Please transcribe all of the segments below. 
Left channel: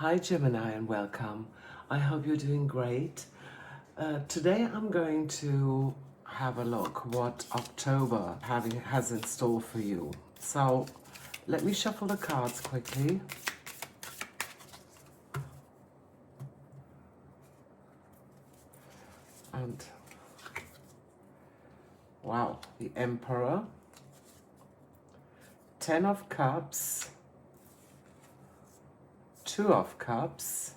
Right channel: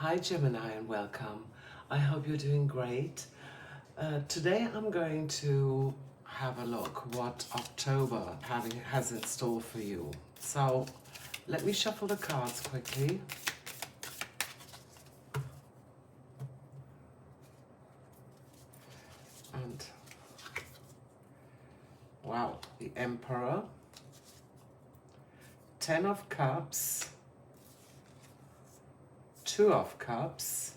Hi Gemini and welcome. I hope you're doing great. Today I'm going to have a look what October has in store for you. So let me shuffle the cards quickly. And wow, the Emperor, 10 of Cups, 2 of Cups,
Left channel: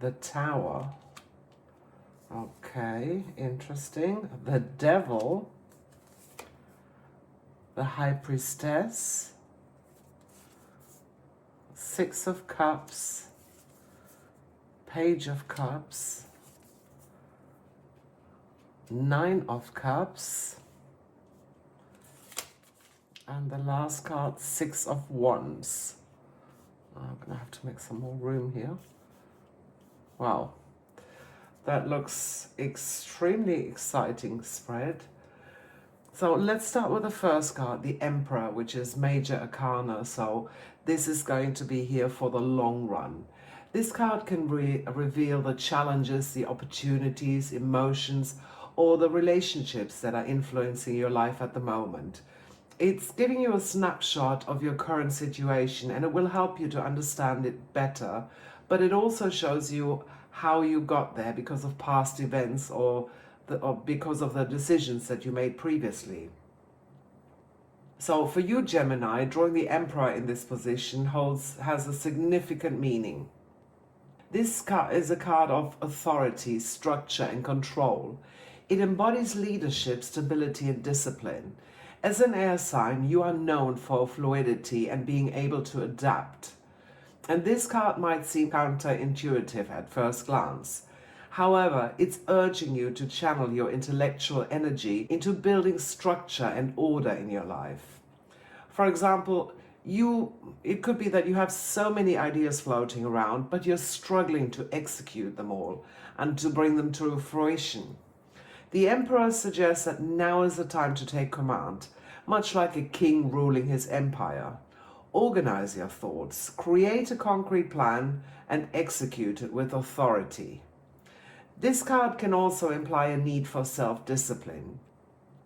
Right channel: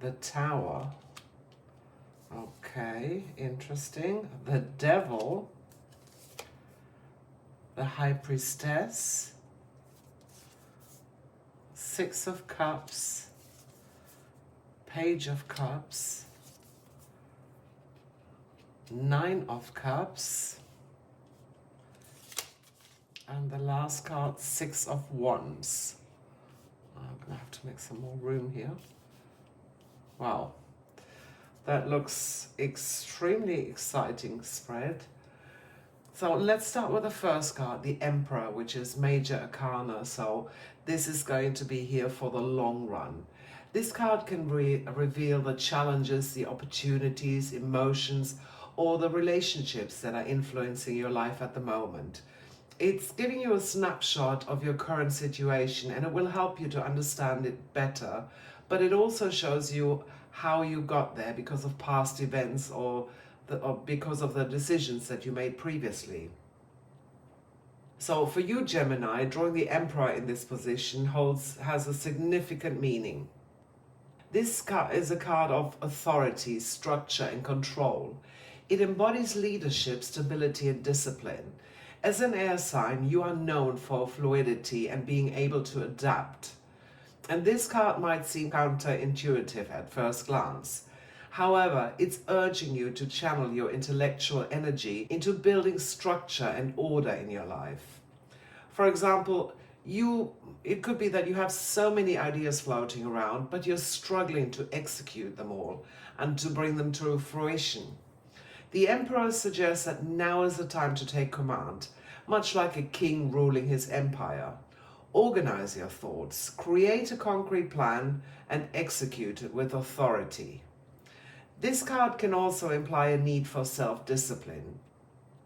the Tower, okay, interesting, the Devil, the High Priestess, 6 of Cups, Page of Cups, 9 of Cups, and the last card, 6 of Wands. I'm gonna have to make some more room here. Wow, that looks extremely exciting spread. So let's start with the first card, the Emperor, which is Major Arcana. So this is going to be here for the long run. This card can reveal the challenges, the opportunities, emotions, or the relationships that are influencing your life at the moment. It's giving you a snapshot of your current situation, and it will help you to understand it better, but it also shows you how you got there because of past events or because of the decisions that you made previously. So for you, Gemini, drawing the Emperor in this position has a significant meaning. This card is a card of authority, structure, and control. It embodies leadership, stability, and discipline. As an air sign, you are known for fluidity and being able to adapt. And this card might seem counterintuitive at first glance. However, it's urging you to channel your intellectual energy into building structure and order in your life. For example, it could be that you have so many ideas floating around, but you're struggling to execute them all and to bring them to fruition. The Emperor suggests that now is the time to take command, much like a king ruling his empire. Organize your thoughts, create a concrete plan, and execute it with authority. This card can also imply a need for self-discipline.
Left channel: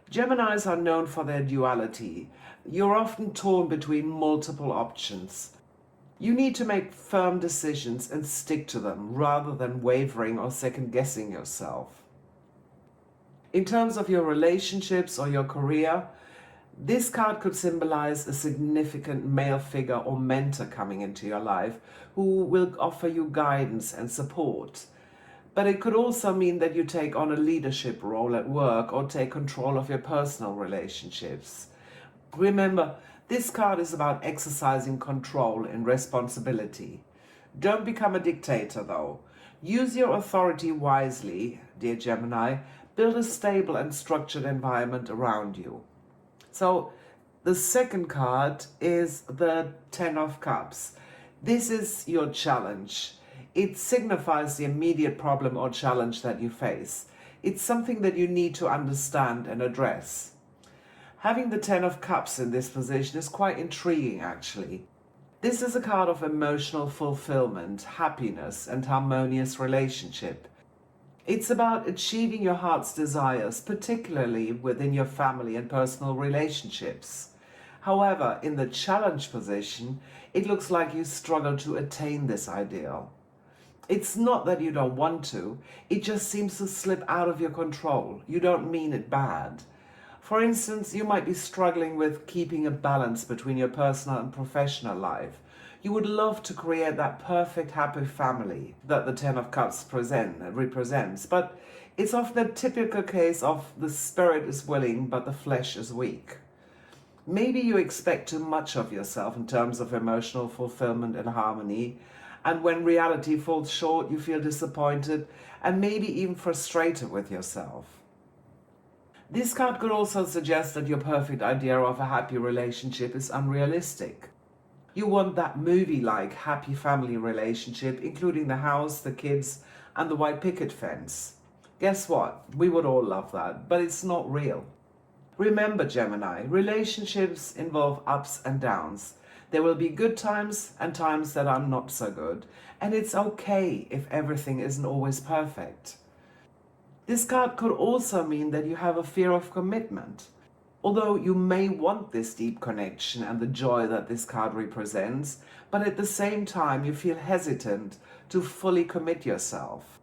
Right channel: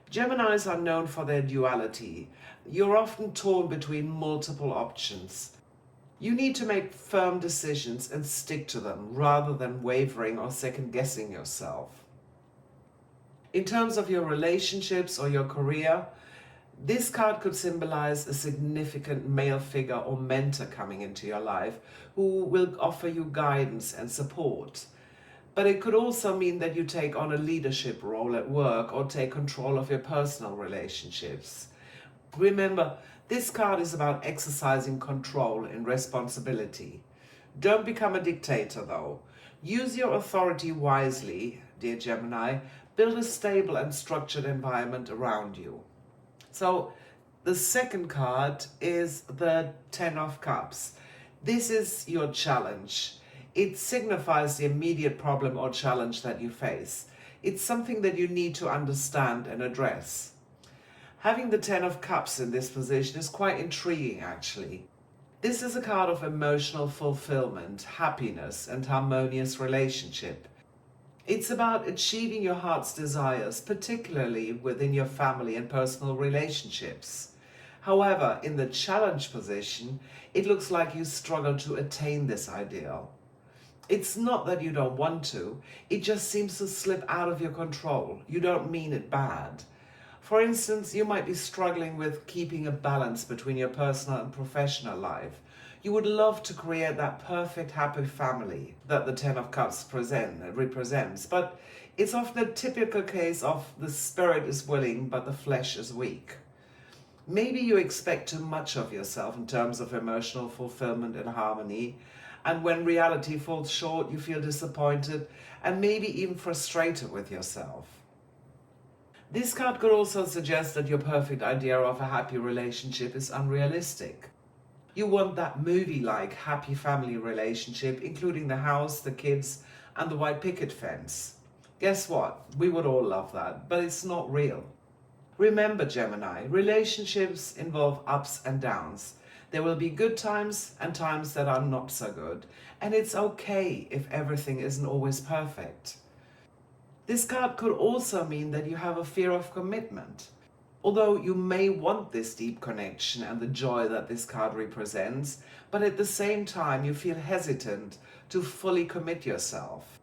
Geminis are known for their duality. You're often torn between multiple options. You need to make firm decisions and stick to them rather than wavering or second-guessing yourself. In terms of your relationships or your career, this card could symbolize a significant male figure or mentor coming into your life who will offer you guidance and support. But it could also mean that you take on a leadership role at work or take control of your personal relationships. Remember, this card is about exercising control and responsibility. Don't become a dictator though. Use your authority wisely, dear Gemini. Build a stable and structured environment around you. So the second card is the 10 of Cups. This is your challenge. It signifies the immediate problem or challenge that you face. It's something that you need to understand and address. Having the 10 of Cups in this position is quite intriguing, actually. This is a card of emotional fulfillment, happiness, and harmonious relationship. It's about achieving your heart's desires, particularly within your family and personal relationships. However, in the challenge position, it looks like you struggle to attain this ideal. It's not that you don't want to, it just seems to slip out of your control. You don't mean it bad. For instance, you might be struggling with keeping a balance between your personal and professional life. You would love to create that perfect happy family that the 10 of Cups represents, but it's often a typical case of the spirit is willing but the flesh is weak. Maybe you expect too much of yourself in terms of emotional fulfillment and harmony, and when reality falls short, you feel disappointed and maybe even frustrated with yourself. This card could also suggest that your perfect idea of a happy relationship is unrealistic. You want that movie-like happy family relationship, including the house, the kids, and the white picket fence. Guess what? We would all love that, but it's not real. Remember, Gemini, relationships involve ups and downs. There will be good times and times that are not so good, and it's okay if everything isn't always perfect. This card could also mean that you have a fear of commitment. Although you may want this deep connection and the joy that this card represents, but at the same time you feel hesitant to fully commit yourself.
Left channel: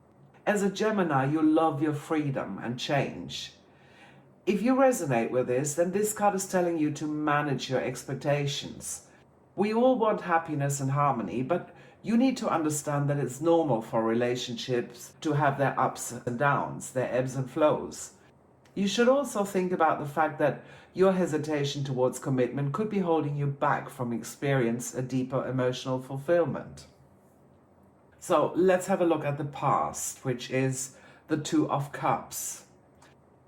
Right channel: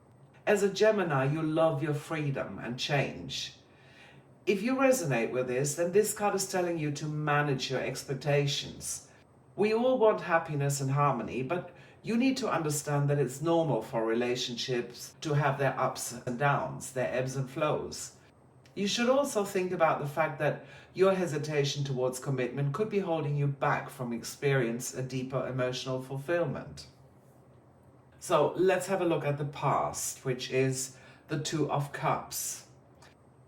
As a Gemini, you love your freedom and change. If you resonate with this, then this card is telling you to manage your expectations. We all want happiness and harmony, but you need to understand that it's normal for relationships to have their ups and downs, their ebbs and flows. You should also think about the fact that your hesitation towards commitment could be holding you back from experience a deeper emotional fulfillment. So let's have a look at the past, which is the Two of Cups.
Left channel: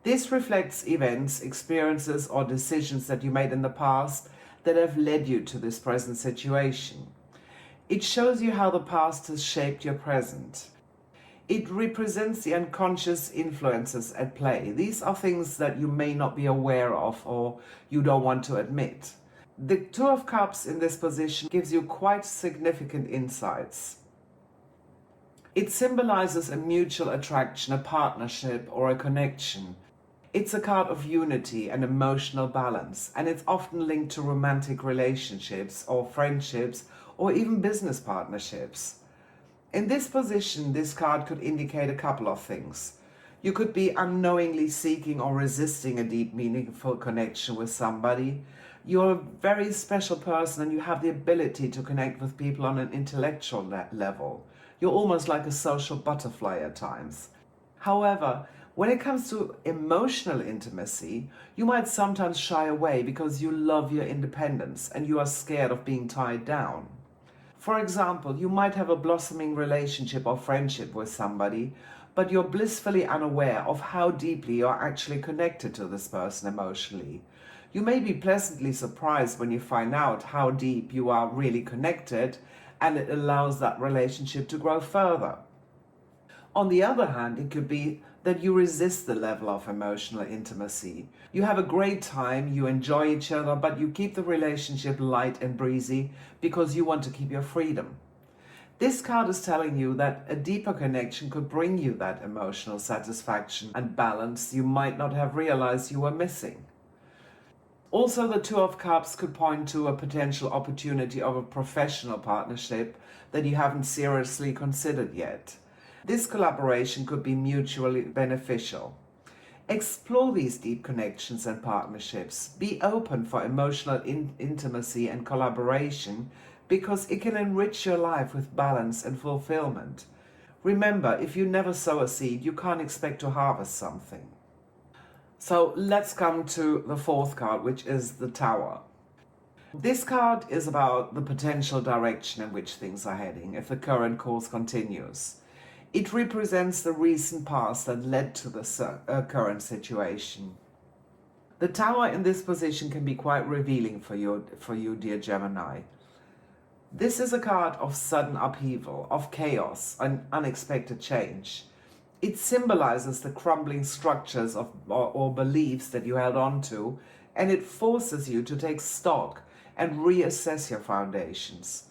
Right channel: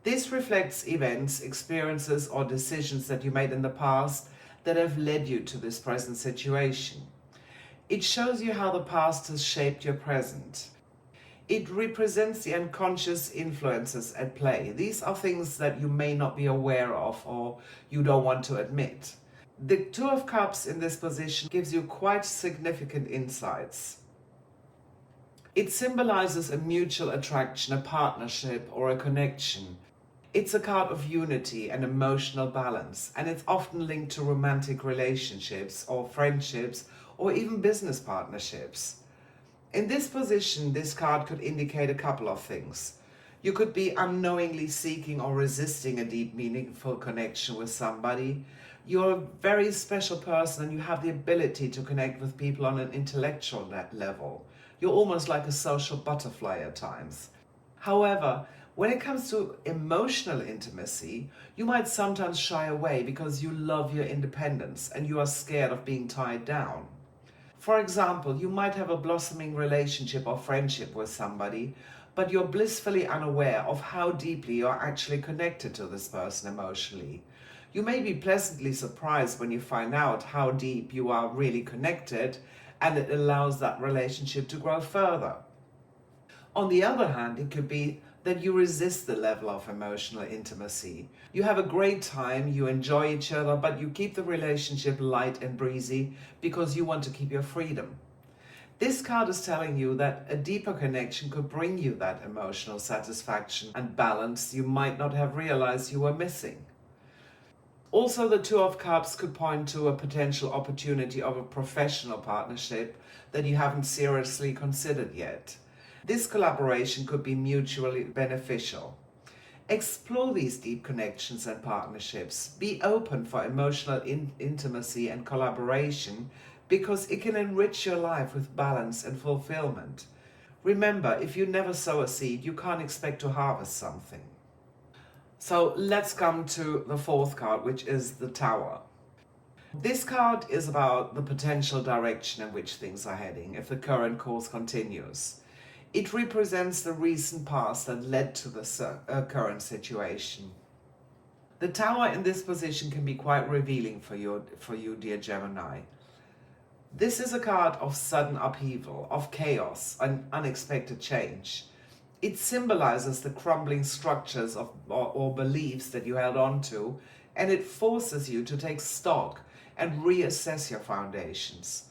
This reflects events, experiences, or decisions that you made in the past that have led you to this present situation. It shows you how the past has shaped your present. It represents the unconscious influences at play. These are things that you may not be aware of or you don't want to admit. The Two of Cups in this position gives you quite significant insights. It symbolizes a mutual attraction, a partnership, or a connection. It's a card of unity and emotional balance, and it's often linked to romantic relationships or friendships or even business partnerships. In this position, this card could indicate a couple of things. You could be unknowingly seeking or resisting a deep, meaningful connection with somebody. You're a very special person and you have the ability to connect with people on an intellectual level. You're almost like a social butterfly at times. However, when it comes to emotional intimacy, you might sometimes shy away because you love your independence and you are scared of being tied down. For example, you might have a blossoming relationship or friendship with somebody, but you're blissfully unaware of how deeply you're actually connected to this person emotionally. You may be pleasantly surprised when you find out how deep you are really connected, and it allows that relationship to grow further. On the other hand, it could be that you resist the level of emotional intimacy. You have a great time, you enjoy each other, but you keep the relationship light and breezy because you want to keep your freedom. This card is telling you that a deeper connection could bring you that emotional satisfaction and balance you might not have realized you were missing. Also, the Two of Cups could point to a potential opportunity of a professional partnership that you haven't seriously considered yet. This collaboration could be mutually beneficial. Explore these deep connections and partnerships. Be open for emotional intimacy and collaboration because it can enrich your life with balance and fulfillment. Remember, if you never sow a seed, you can't expect to harvest something. So let's come to the fourth card, which is the Tower. This card is about the potential direction in which things are heading if the current course continues. It represents the recent past that led to the current situation. The Tower in this position can be quite revealing for you, dear Gemini. This is a card of sudden upheaval, of chaos, and unexpected change. It symbolizes the crumbling structures or beliefs that you held on to, and it forces you to take stock and reassess your foundations.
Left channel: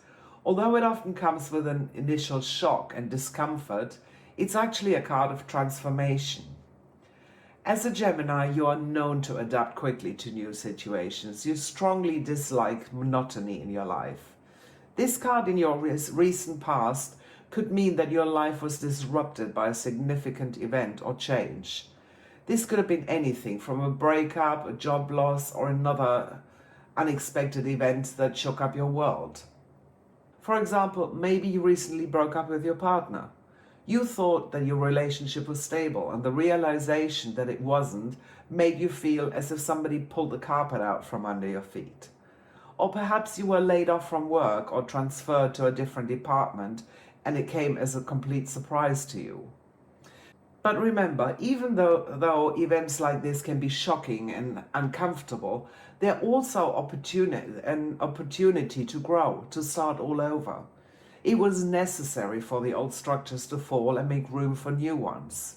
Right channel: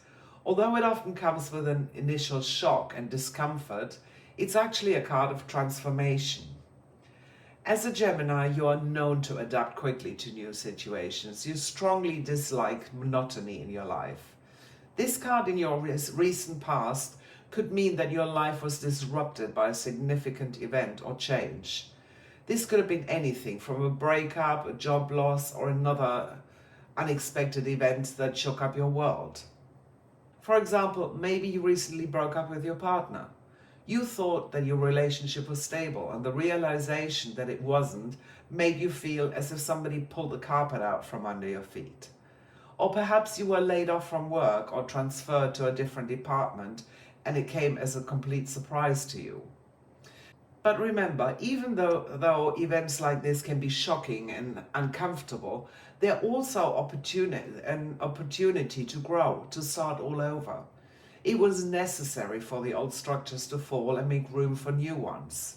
Although it often comes with an initial shock and discomfort, it's actually a card of transformation. As a Gemini, you are known to adapt quickly to new situations. You strongly dislike monotony in your life. This card in your recent past could mean that your life was disrupted by a significant event or change. This could have been anything from a breakup, a job loss, or another unexpected event that shook up your world. For example, maybe you recently broke up with your partner. You thought that your relationship was stable, and the realization that it wasn't made you feel as if somebody pulled the carpet out from under your feet. Or perhaps you were laid off from work or transferred to a different department, and it came as a complete surprise to you. But remember, even though events like this can be shocking and uncomfortable, they're also an opportunity to grow, to start all over. It was necessary for the old structures to fall and make room for new ones.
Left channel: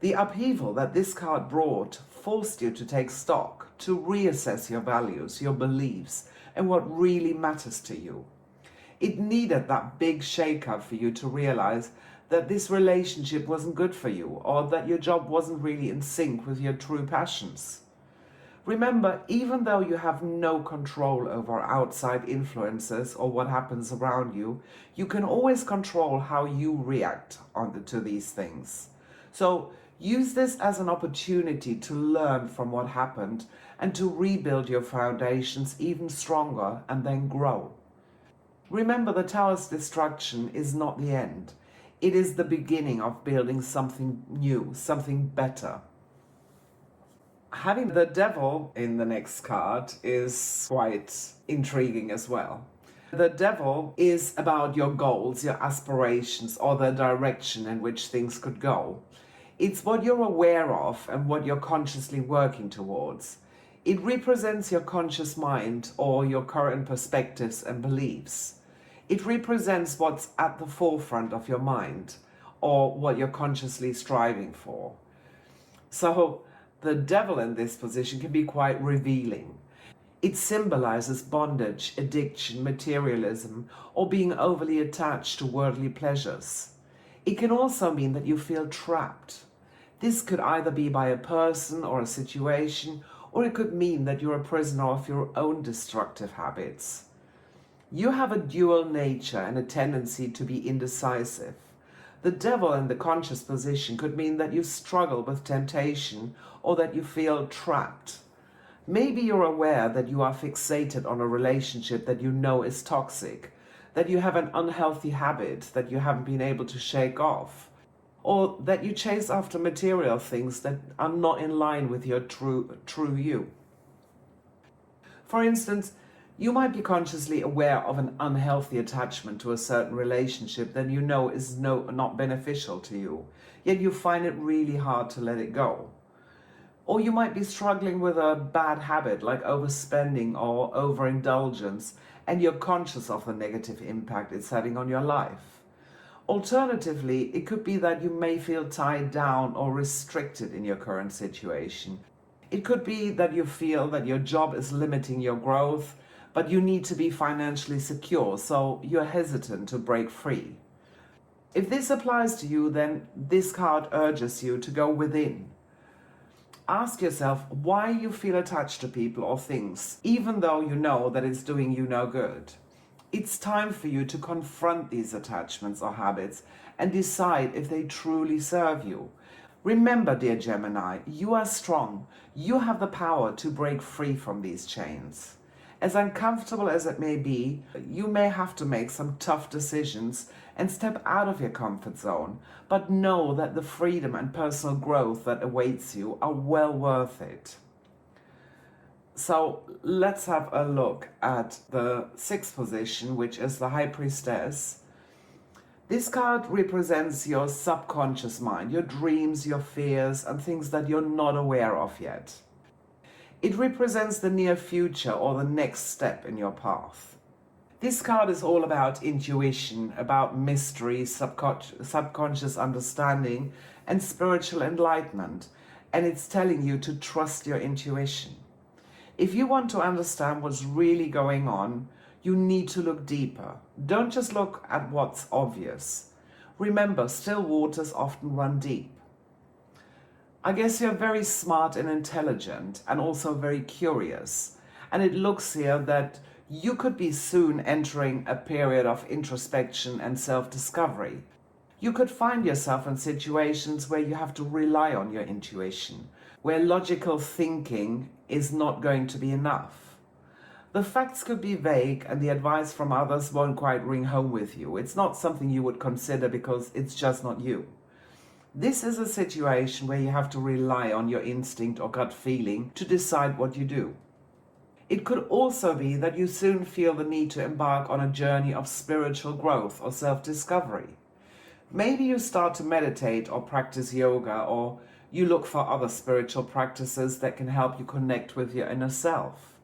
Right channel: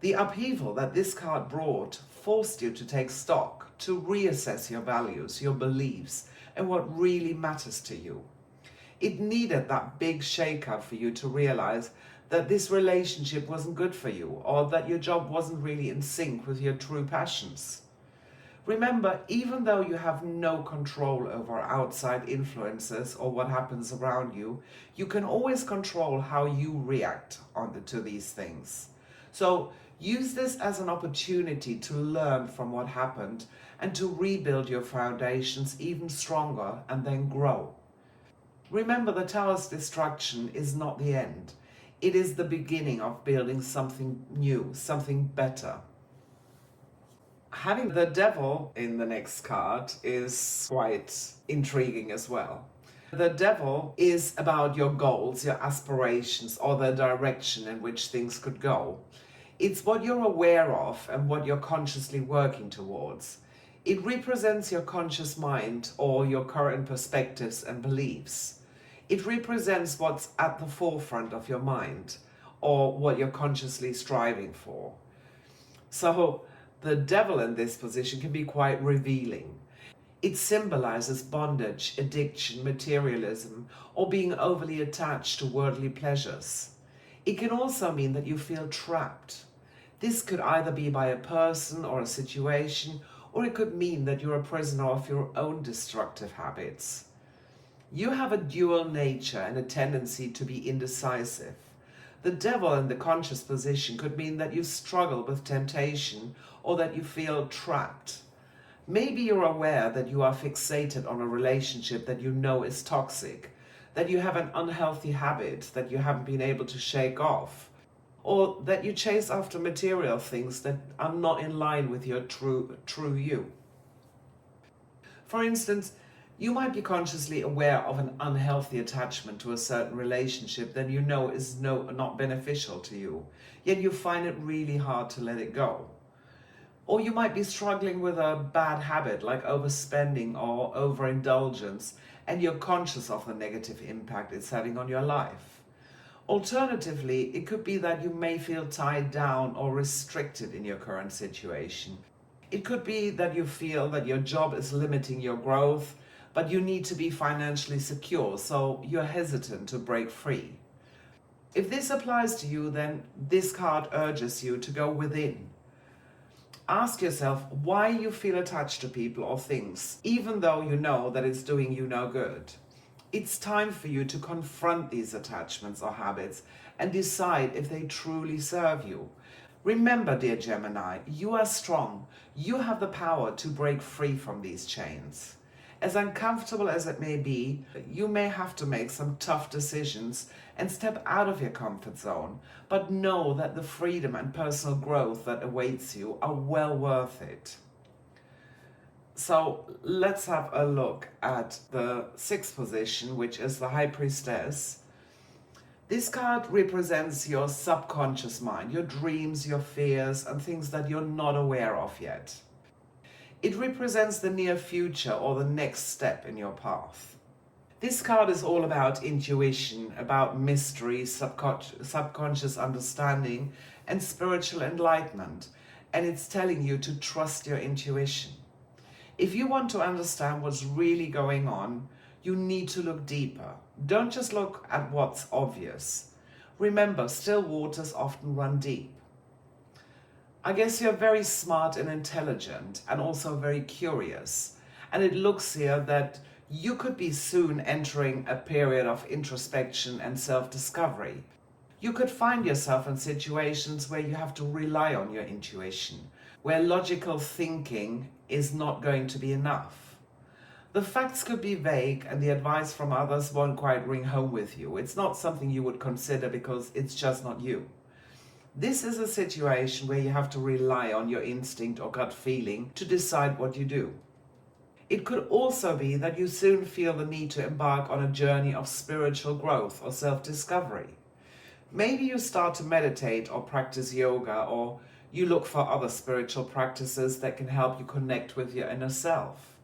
The upheaval that this card brought forced you to take stock, to reassess your values, your beliefs, and what really matters to you. It needed that big shake-up for you to realize that this relationship wasn't good for you, or that your job wasn't really in sync with your true passions. Remember, even though you have no control over outside influences or what happens around you, you can always control how you react to these things. So use this as an opportunity to learn from what happened and to rebuild your foundations even stronger and then grow. Remember, the Tower's destruction is not the end. It is the beginning of building something new, something better. Having the Devil in the next card is quite intriguing as well. The Devil is about your goals, your aspirations, or the direction in which things could go. It's what you're aware of and what you're consciously working towards. It represents your conscious mind or your current perspectives and beliefs. It represents what's at the forefront of your mind or what you're consciously striving for. So the Devil in this position can be quite revealing. It symbolizes bondage, addiction, materialism, or being overly attached to worldly pleasures. It can also mean that you feel trapped. This could either be by a person or a situation, or it could mean that you're a prisoner of your own destructive habits. You have a dual nature and a tendency to be indecisive. The Devil in the conscious position could mean that you struggle with temptation or that you feel trapped. Maybe you're aware that you are fixated on a relationship that you know is toxic, that you have an unhealthy habit that you haven't been able to shake off, or that you chase after material things that are not in line with your true you. For instance, you might be consciously aware of an unhealthy attachment to a certain relationship that you know is not beneficial to you, yet you find it really hard to let it go. Or you might be struggling with a bad habit like overspending or overindulgence, and you're conscious of the negative impact it's having on your life. Alternatively, it could be that you may feel tied down or restricted in your current situation. It could be that you feel that your job is limiting your growth, but you need to be financially secure, so you're hesitant to break free. If this applies to you, then this card urges you to go within. Ask yourself why you feel attached to people or things, even though you know that it's doing you no good. It's time for you to confront these attachments or habits and decide if they truly serve you. Remember, dear Gemini, you are strong. You have the power to break free from these chains. As uncomfortable as it may be, you may have to make some tough decisions and step out of your comfort zone, but know that the freedom and personal growth that awaits you are well worth it. So let's have a look at the sixth position, which is the High Priestess. This card represents your subconscious mind, your dreams, your fears, and things that you're not aware of yet. It represents the near future or the next step in your path. This card is all about intuition, about mystery, subconscious understanding, and spiritual enlightenment, and it's telling you to trust your intuition. If you want to understand what's really going on, you need to look deeper. Don't just look at what's obvious. Remember, still waters often run deep. I guess you're very smart and intelligent and also very curious. And it looks here that you could be soon entering a period of introspection and self-discovery. You could find yourself in situations where you have to rely on your intuition, where logical thinking is not going to be enough. The facts could be vague and the advice from others won't quite ring home with you. It's not something you would consider because it's just not you. This is a situation where you have to rely on your instinct or gut feeling to decide what you do. It could also be that you soon feel the need to embark on a journey of spiritual growth or self-discovery. Maybe you start to meditate or practice yoga, or you look for other spiritual practices that can help you connect with your inner self.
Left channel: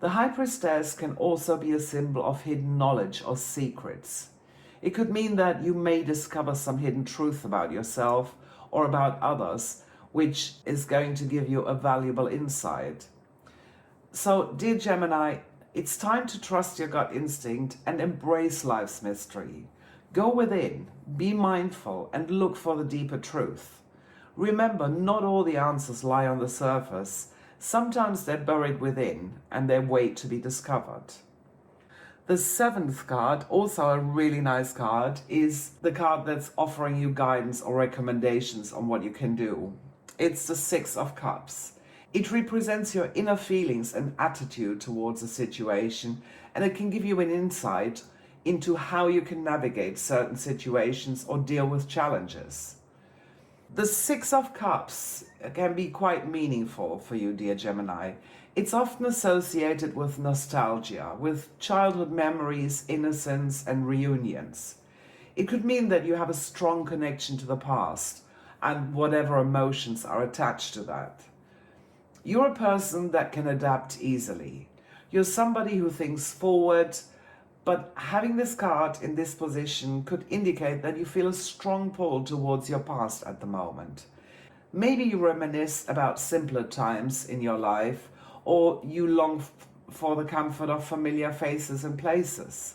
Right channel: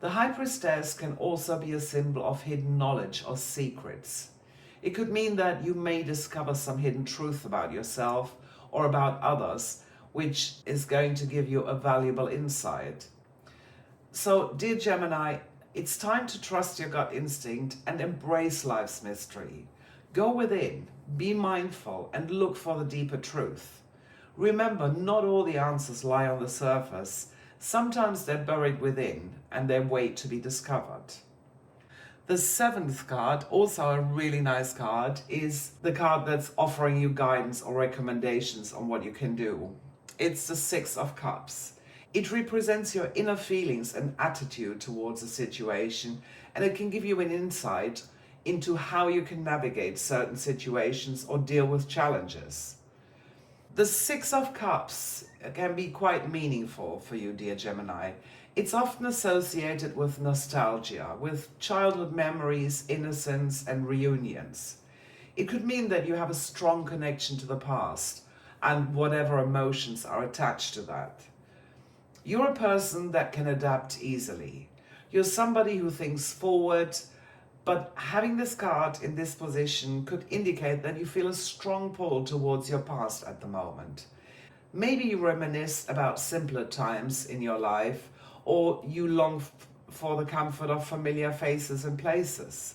The High Priestess can also be a symbol of hidden knowledge or secrets. It could mean that you may discover some hidden truth about yourself or about others, which is going to give you a valuable insight. So, dear Gemini, It's time to trust your gut instinct and embrace life's mystery. Go within, be mindful, and look for the deeper truth. Remember, not all the answers lie on the surface. Sometimes they're buried within and they wait to be discovered. The seventh card, also a really nice card, is the card that's offering you guidance or recommendations on what you can do. It's the Six of Cups. It represents your inner feelings and attitude towards a situation, and it can give you an insight into how you can navigate certain situations or deal with challenges. The Six of Cups can be quite meaningful for you, dear Gemini. It's often associated with nostalgia, with childhood memories, innocence, and reunions. It could mean that you have a strong connection to the past and whatever emotions are attached to that. You're a person that can adapt easily. You're somebody who thinks forward, but having this card in this position could indicate that you feel a strong pull towards your past at the moment. Maybe you reminisce about simpler times in your life, or you long for the comfort of familiar faces and places.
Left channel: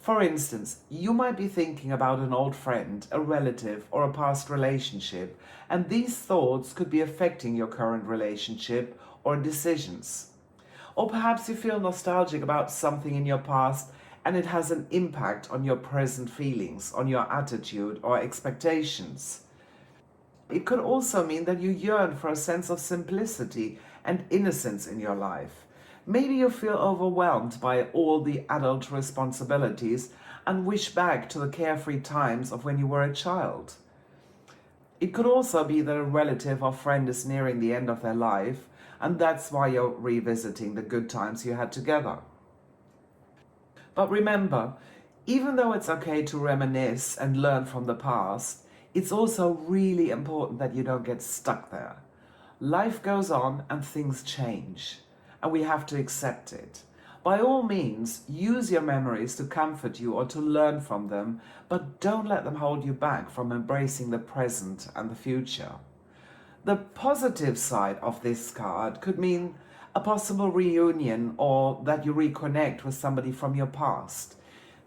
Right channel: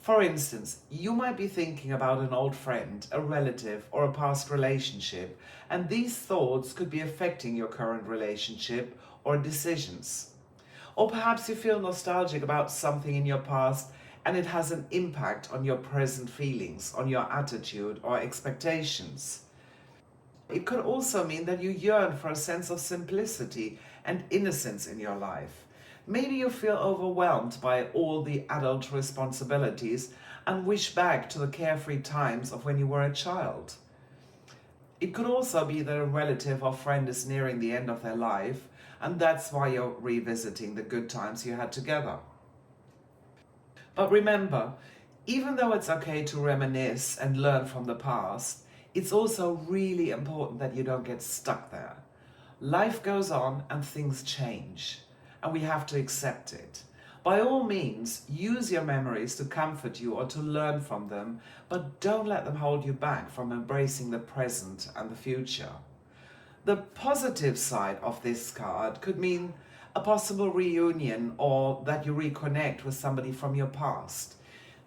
For instance, you might be thinking about an old friend, a relative, or a past relationship, and these thoughts could be affecting your current relationship or decisions. Or perhaps you feel nostalgic about something in your past and it has an impact on your present feelings, on your attitude or expectations. It could also mean that you yearn for a sense of simplicity and innocence in your life. Maybe you feel overwhelmed by all the adult responsibilities and wish back to the carefree times of when you were a child. It could also be that a relative or friend is nearing the end of their life, and that's why you're revisiting the good times you had together. But remember, even though it's okay to reminisce and learn from the past, it's also really important that you don't get stuck there. Life goes on and things change, and we have to accept it. By all means, use your memories to comfort you or to learn from them, but don't let them hold you back from embracing the present and the future. The positive side of this card could mean a possible reunion or that you reconnect with somebody from your past.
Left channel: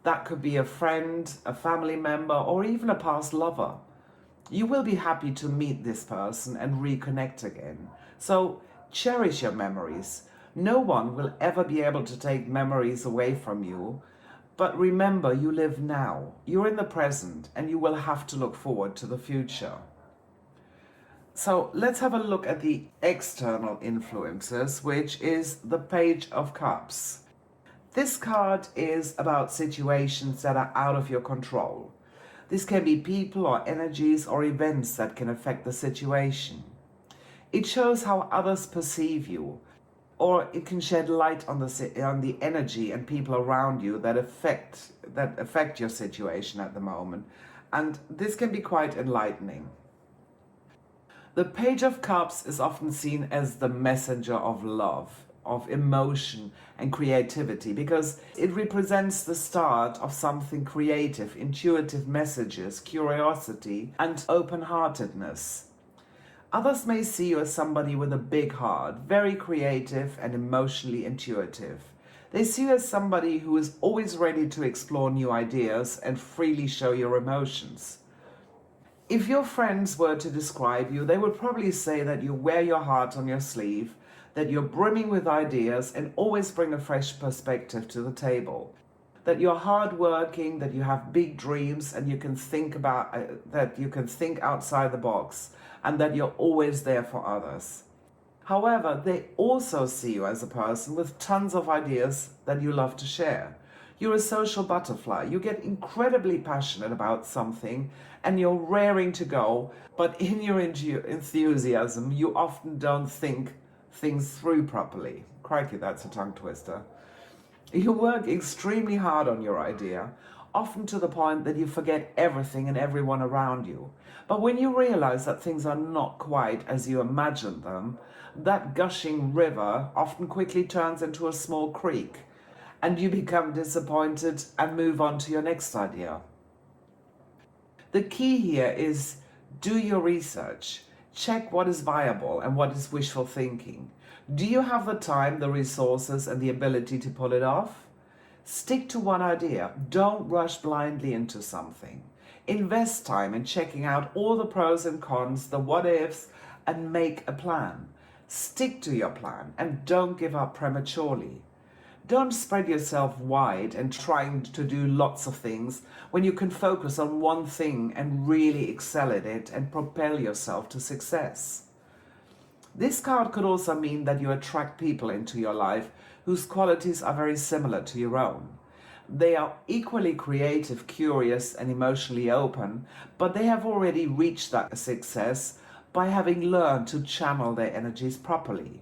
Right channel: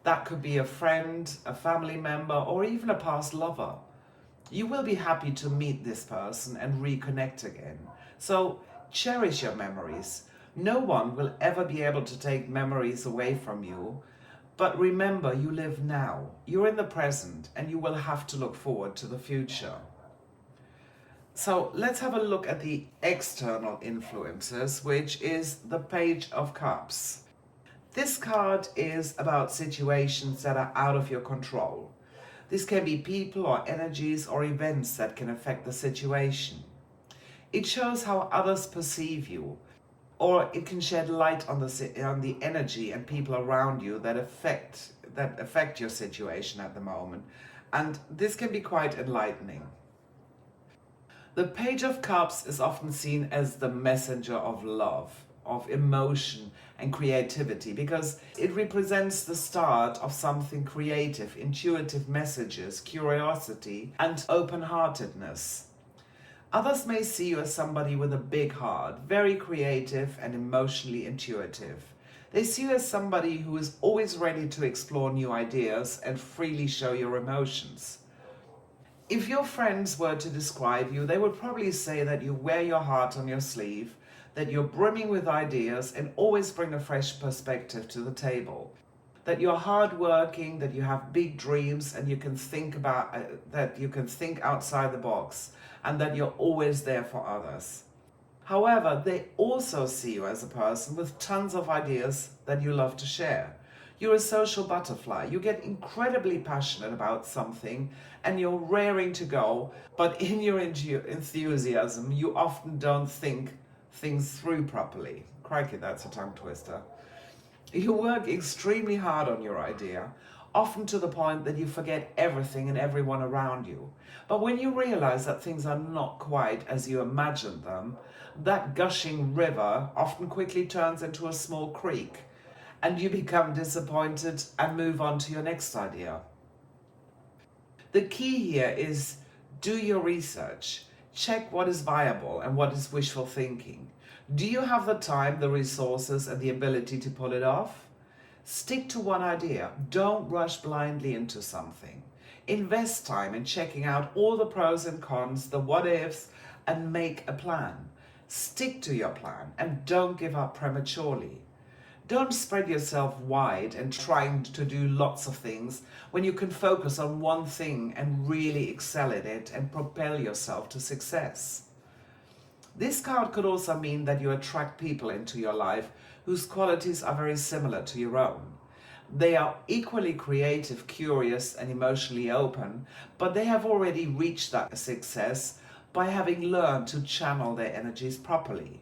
That could be a friend, a family member, or even a past lover. You will be happy to meet this person and reconnect again. So cherish your memories. No one will ever be able to take memories away from you. But remember, you live now. You're in the present and you will have to look forward to the future. So let's have a look at the external influences, which is the Page of Cups. This card is about situations that are out of your control. This can be people or energies or events that can affect the situation. It shows how others perceive you, or it can shed light on the energy and people around you that affect your situation at the moment. And this can be quite enlightening. The Page of Cups is often seen as the messenger of love, of emotion and creativity, because it represents the start of something creative, intuitive messages, curiosity, and open-heartedness. Others may see you as somebody with a big heart, very creative and emotionally intuitive. They see you as somebody who is always ready to explore new ideas and freely show your emotions. If your friends were to describe you, they would probably say that you wear your heart on your sleeve, that you're brimming with ideas and always bring a fresh perspective to the table, that you're hardworking, that you have big dreams and you can think outside the box, and that you're always there for others. However, they also see you as a person with tons of ideas that you love to share. You're a social butterfly. You get incredibly passionate about something and you're raring to go, but in your enthusiasm, you often don't think things through properly. Crikey, that's a tongue twister. You work extremely hard on your idea, often to the point that you forget everything and everyone around you. But when you realize that things are not quite as you imagined them, that gushing river often quickly turns into a small creek, and you become disappointed and move on to your next idea. The key here is do your research. Check what is viable and what is wishful thinking. Do you have the time, the resources, and the ability to pull it off? Stick to one idea. Don't rush blindly into something. Invest time in checking out all the pros and cons, the what ifs, and make a plan. Stick to your plan and don't give up prematurely. Don't spread yourself wide and trying to do lots of things when you can focus on one thing and really excel at it and propel yourself to success. This card could also mean that you attract people into your life whose qualities are very similar to your own. They are equally creative, curious, and emotionally open, but they have already reached that success by having learned to channel their energies properly.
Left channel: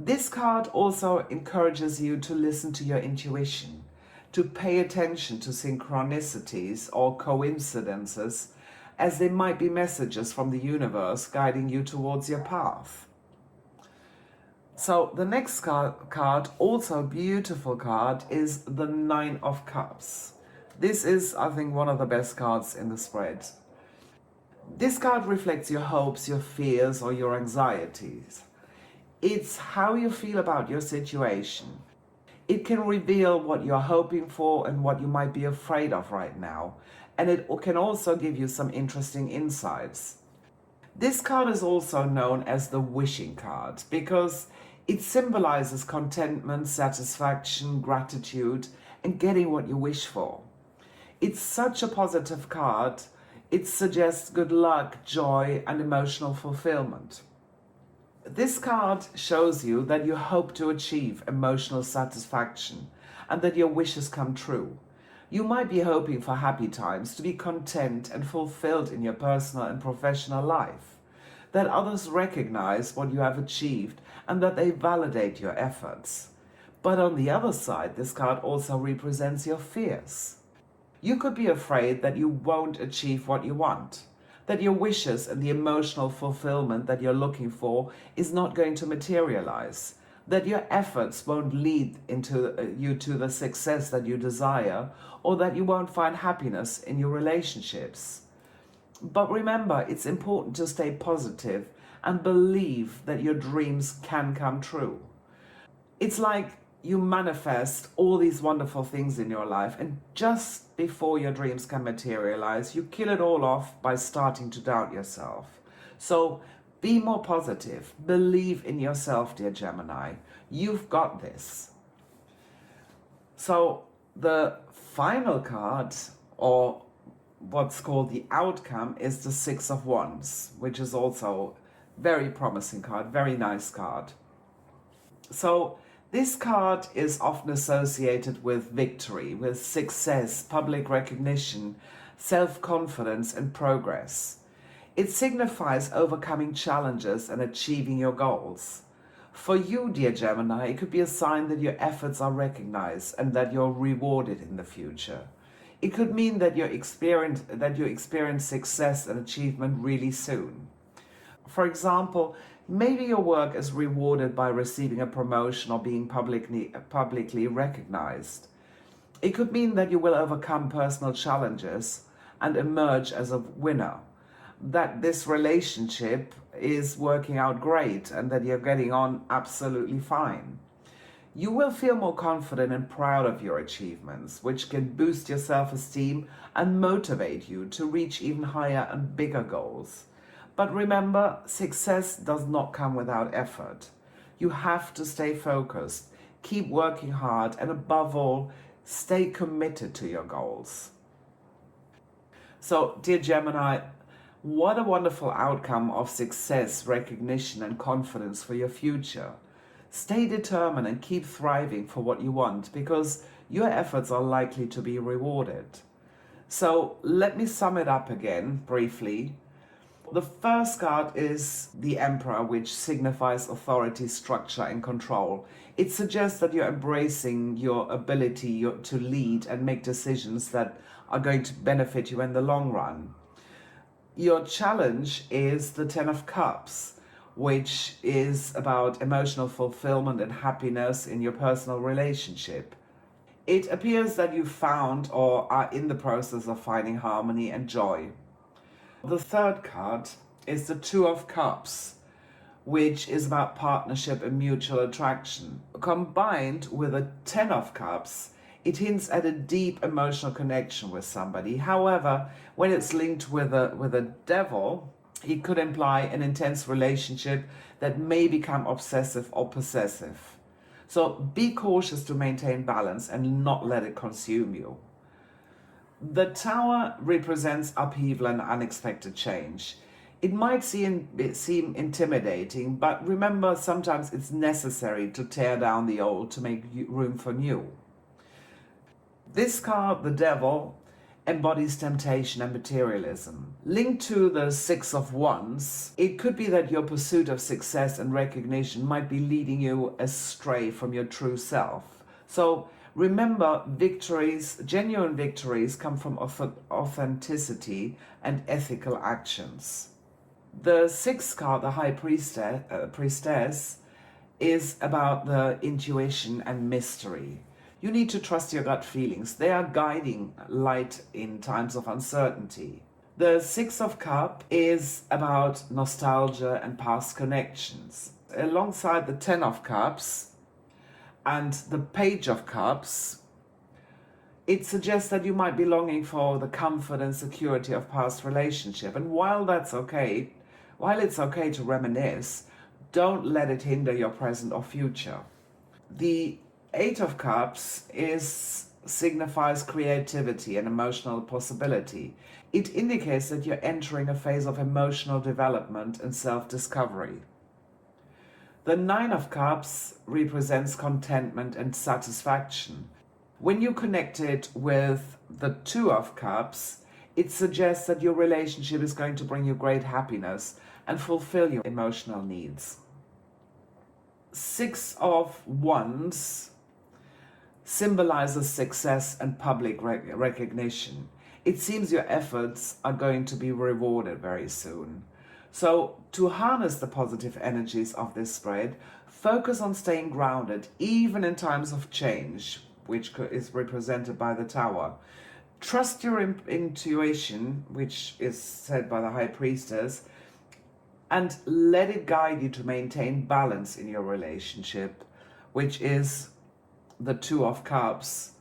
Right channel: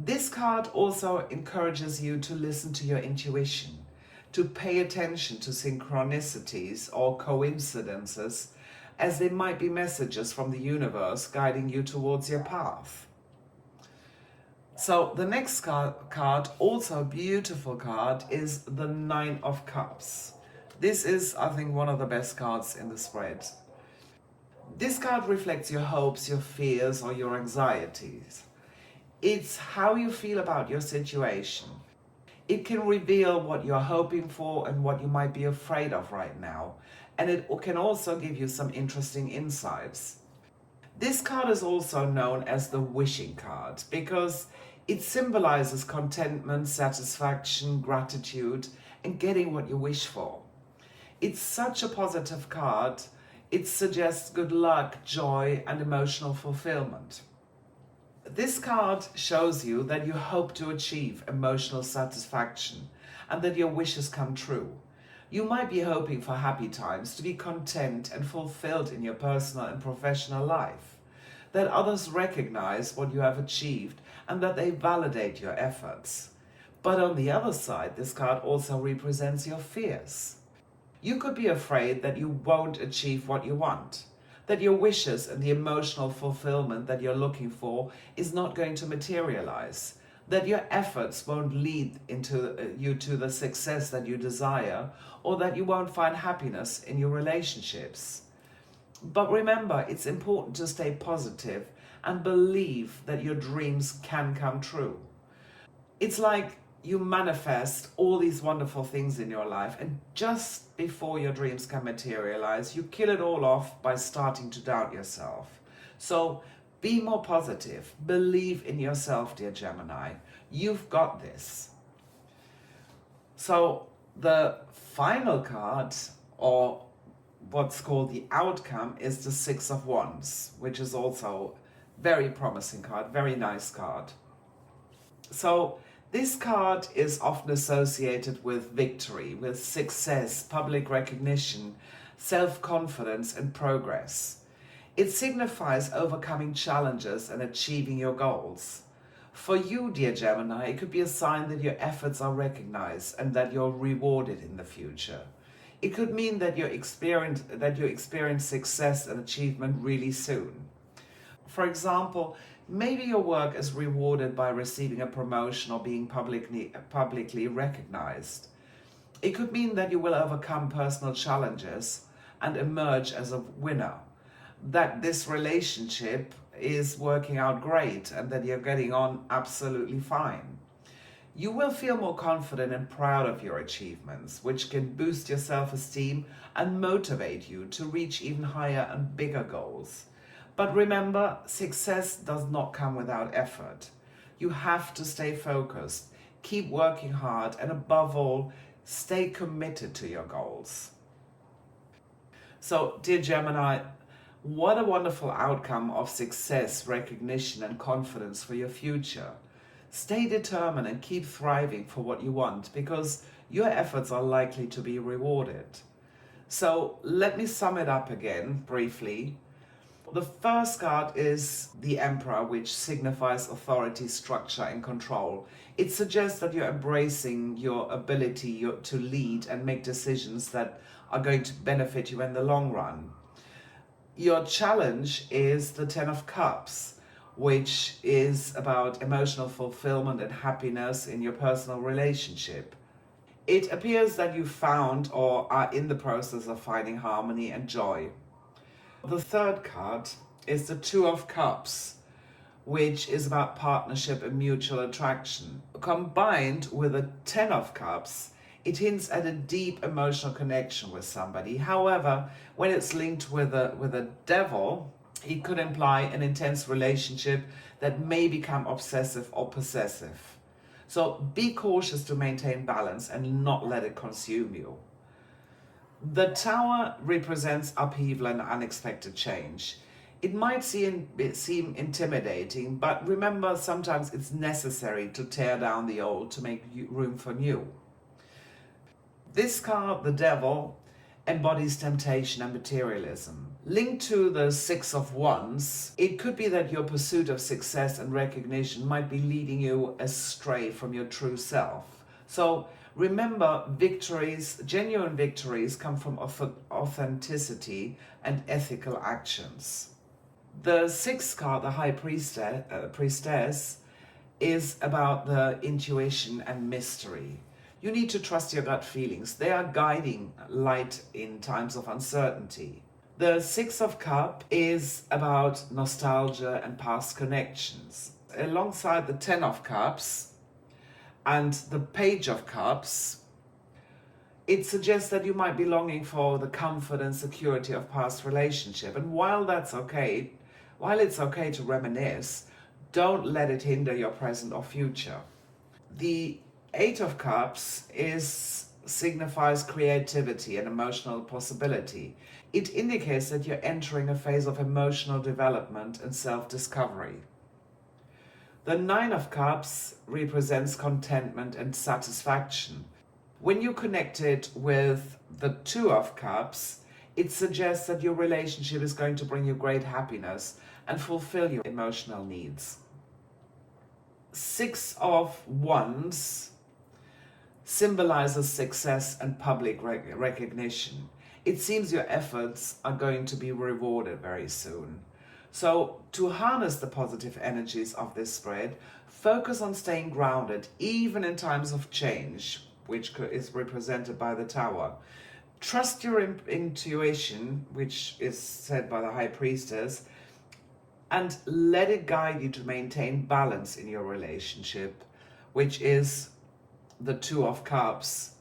This card also encourages you to listen to your intuition, to pay attention to synchronicities or coincidences, as they might be messages from the universe guiding you towards your path. So the next card, also a beautiful card, is the Nine of Cups. This is, I think, one of the best cards in the spread. This card reflects your hopes, your fears, or your anxieties. It's how you feel about your situation. It can reveal what you're hoping for and what you might be afraid of right now. And it can also give you some interesting insights. This card is also known as the wishing card because it symbolizes contentment, satisfaction, gratitude, and getting what you wish for. It's such a positive card. It suggests good luck, joy, and emotional fulfillment. This card shows you that you hope to achieve emotional satisfaction and that your wishes come true. You might be hoping for happy times, to be content and fulfilled in your personal and professional life, that others recognize what you have achieved and that they validate your efforts. But on the other side, this card also represents your fears. You could be afraid that you won't achieve what you want, that your wishes and the emotional fulfillment that you're looking for is not going to materialize, that your efforts won't lead you to the success that you desire, or that you won't find happiness in your relationships. But remember, it's important to stay positive and believe that your dreams can come true. It's like you manifest all these wonderful things in your life, and just before your dreams can materialize, you kill it all off by starting to doubt yourself. So be more positive. Believe in yourself, dear Gemini. You've got this. So the final card, or what's called the outcome, is the Six of Wands, which is also very promising card, very nice card. So this card is often associated with victory, with success, public recognition, self-confidence, and progress. It signifies overcoming challenges and achieving your goals. For you, dear Gemini, it could be a sign that your efforts are recognized and that you're rewarded in the future. It could mean that you experience success and achievement really soon. For example, maybe your work is rewarded by receiving a promotion or being publicly recognized. It could mean that you will overcome personal challenges and emerge as a winner, that this relationship is working out great and that you're getting on absolutely fine. You will feel more confident and proud of your achievements, which can boost your self-esteem and motivate you to reach even higher and bigger goals. But remember, success does not come without effort. You have to stay focused, keep working hard, and above all, stay committed to your goals. So, dear Gemini, what a wonderful outcome of success, recognition, and confidence for your future. Stay determined and keep thriving for what you want, because your efforts are likely to be rewarded. So, let me sum it up again briefly. The first card is the Emperor, which signifies authority, structure, and control. It suggests that you're embracing your ability to lead and make decisions that are going to benefit you in the long run. Your challenge is the Ten of Cups, which is about emotional fulfillment and happiness in your personal relationship. It appears that you found or are in the process of finding harmony and joy. The third card is the Two of Cups, which is about partnership and mutual attraction. Combined with a Ten of Cups, it hints at a deep emotional connection with somebody. However, when it's linked with a Devil, it could imply an intense relationship that may become obsessive or possessive. So be cautious to maintain balance and not let it consume you. The Tower represents upheaval and unexpected change. It might seem intimidating, but remember, sometimes it's necessary to tear down the old to make room for new. This card, the Devil, embodies temptation and materialism. Linked to the Six of Wands, it could be that your pursuit of success and recognition might be leading you astray from your true self. So remember, victories, genuine victories, come from authenticity and ethical actions. The sixth card, the High Priestess, is about the intuition and mystery. You need to trust your gut feelings. They are guiding light in times of uncertainty. The Six of Cups is about nostalgia and past connections. Alongside the Ten of Cups and the Page of Cups, it suggests that you might be longing for the comfort and security of past relationship. And while it's okay to reminisce, don't let it hinder your present or future. The Eight of Cups signifies creativity and emotional possibility. It indicates that you're entering a phase of emotional development and self-discovery. The Nine of Cups represents contentment and satisfaction. When you connect it with the Two of Cups, it suggests that your relationship is going to bring you great happiness and fulfill your emotional needs. Six of Wands symbolizes success and public recognition. It seems your efforts are going to be rewarded very soon. So to harness the positive energies of this spread, focus on staying grounded even in times of change, which is represented by the Tower. Trust your intuition, which is said by the High Priestess, and let it guide you to maintain balance in your relationship, which is the Two of Cups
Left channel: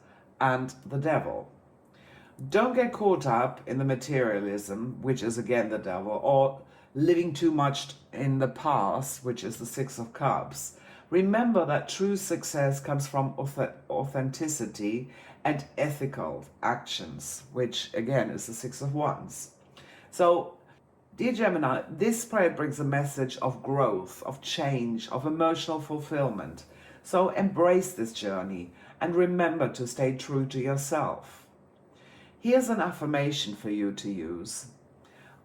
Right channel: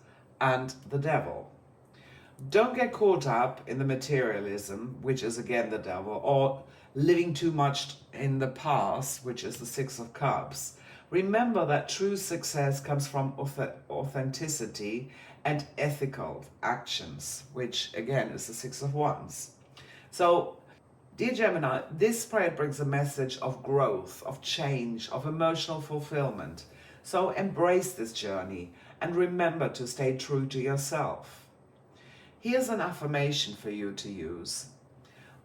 and the Devil. Don't get caught up in the materialism, which is again the Devil, or living too much in the past, which is the Six of Cups. Remember that true success comes from authenticity and ethical actions, which again is the Six of Wands. So, dear Gemini, this spread brings a message of growth, of change, of emotional fulfillment. So embrace this journey and remember to stay true to yourself. Here's an affirmation for you to use.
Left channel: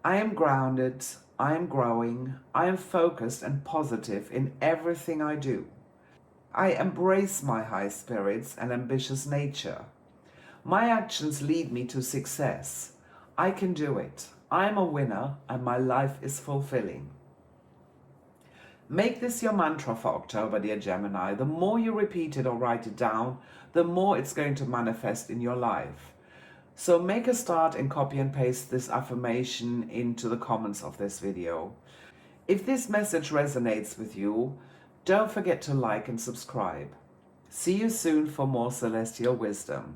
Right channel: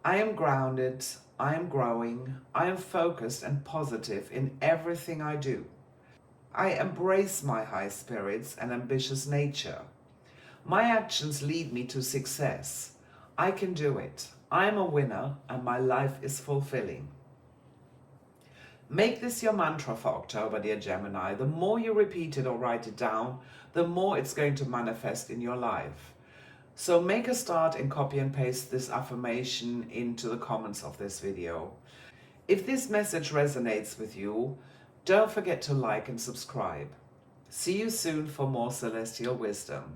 I am grounded, I am growing, I am focused and positive in everything I do. I embrace my high spirits and ambitious nature. My actions lead me to success. I can do it. I am a winner and my life is fulfilling. Make this your mantra for October, dear Gemini. The more you repeat it or write it down, the more it's going to manifest in your life. So make a start and copy and paste this affirmation into the comments of this video. If this message resonates with you, don't forget to like and subscribe. See you soon for more celestial wisdom.